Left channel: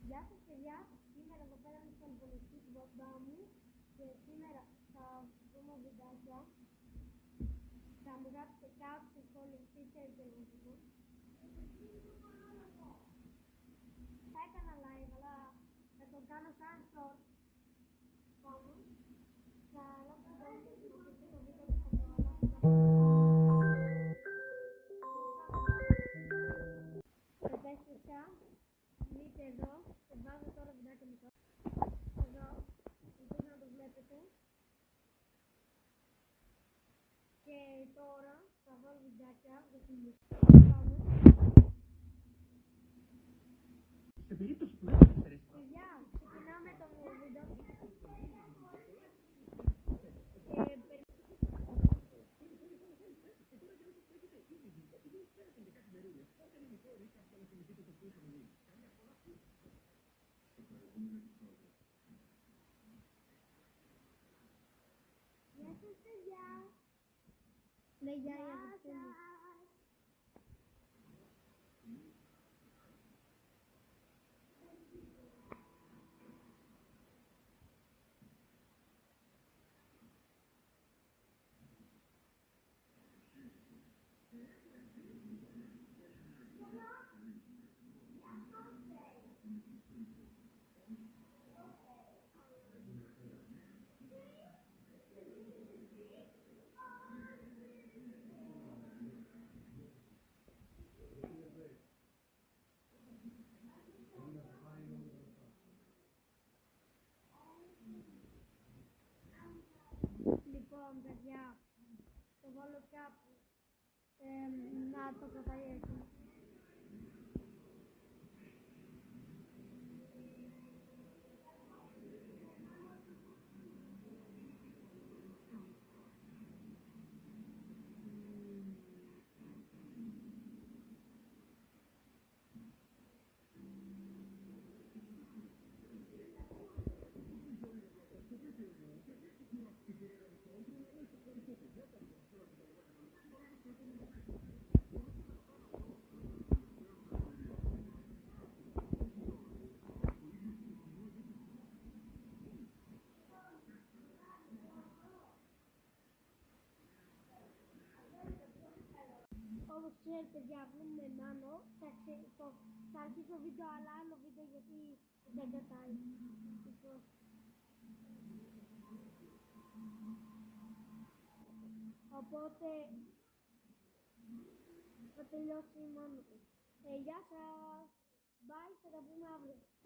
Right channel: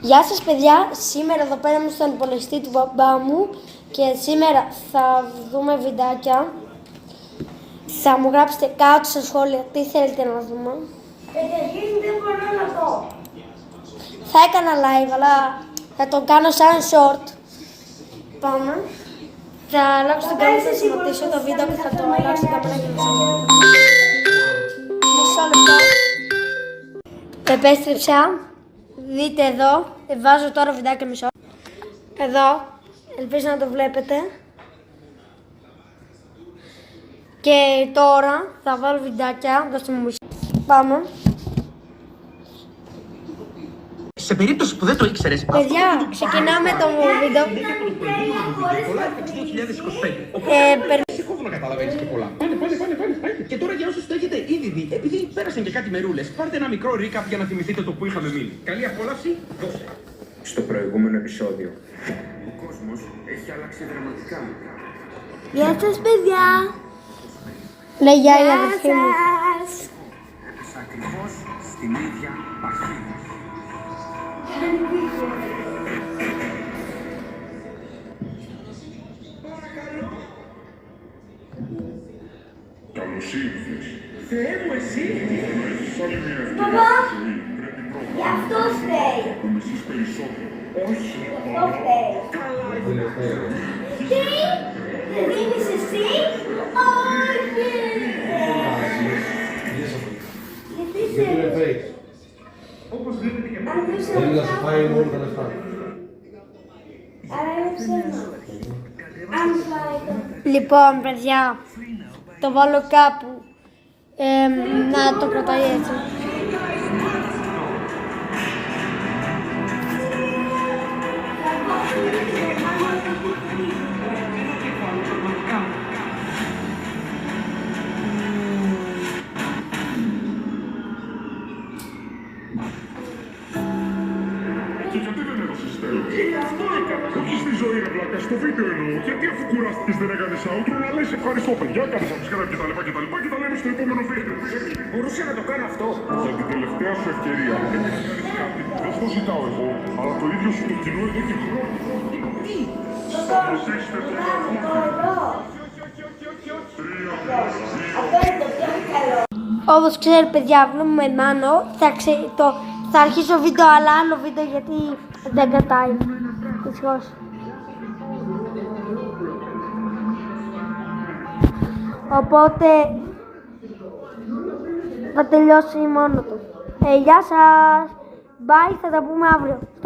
Γεια σας παιδιά, σήμερα εδώ πέρα είμαι στον υπολογιστή του μπαμπά μου και σήμερα θα δούμε βιντεάκια. Θα μου γράψετε κάτω στα σχόλια τι θέλετε να δούμε. Καταρχήν δεν μπορώ να δω. Θα έκανα live αλλά θα το κάνω σαν short. Πάμε. Θα αλλάξω την κάμερα, θα σταματήσω το βίντεο και θα το αλλάξω την κάμερα και θα μισό λεπτό. Επέστρεψα. Δείτε εδώ, βάζω τώρα βιντεάκια μισό. Εδώ, ελπίζω να το βλέπετε. Και τώρα θα βάλω βιντεάκια, δώστε μου μισό. Πάμε. Σε περίπτωση που δεν το ήξερες, Παιδιά, ξεκινάμε το βίντεο. Σηκώθω να καταλαβαίνεις και πολλά. Πάνε. Και τώρα για όσους το έχετε ήδη δει, επειδή πέρασαν και κάτι μερούλες, πάρτε ένα μικρό recap για να θυμηθείτε το που είχαμε μείνει. Καλή απόλαυση, δώσε. Στο προηγούμενο επεισόδιο, ο κόσμος έχει αλλάξει δραματικά. Γεια σας παιδιά. Λέει γεια η αδερφή μου. Έπεσα ακριβώς στην ίδια παχύδα. Καλώς ήρθες. Θεέ μου εσύ! Έχεις άλλη μια ευκαιρία Παπά. στη ζωή. Πρέπει πρώτα Γι' αυτό φταίει. να το μισείς περισσότερο. Όχι! Αυτό φταίει. Καλά! Τι? Δεν δίνεις εσύ? Όχι. Γιατί σε... Όπως βλέπετε και Αν δεν σε Θέλει να σου φάει μόνο τα λεφτά. Άρα είναι ψέμα. Αν φάει το... Λοιπόν, παιδιά, το βάλω κάπου. Να το κρατάει έτσι. Και γιατί δεν έδωσες τέλος? Όχι στη ζωή ρε βλάκα, στο βίντεο εννοώ. Γιατί αφού κουράστηκες δεν έκανες outro να λες ευχαριστώ παιδιά, κάνεις subscribe και τα λέμε στο επόμενο βίντεο. μπορούσε να το κάνω αυτό. Για την τελευταία σου ευκαιρία. Πρέπει να κάνεις κάτι. Δεν στο ζητάω εγώ, αλλά το ίδιο σου το κοινό εδώ και χρόνια. Σταματήστε τον αγώνα. Αυτό είναι το πιο καλό. Όπως ξέρετε παιδιά, βλέπουμε Μάνο. Θα αρχίσω βίντεο, αλλά άλλο βίντεο γιατί δεν κρατάει. Δυστυχώς. Οπότε θα τελειώσει μόνο του. Γεια σας. Bye, θα τα πούμε αύριο.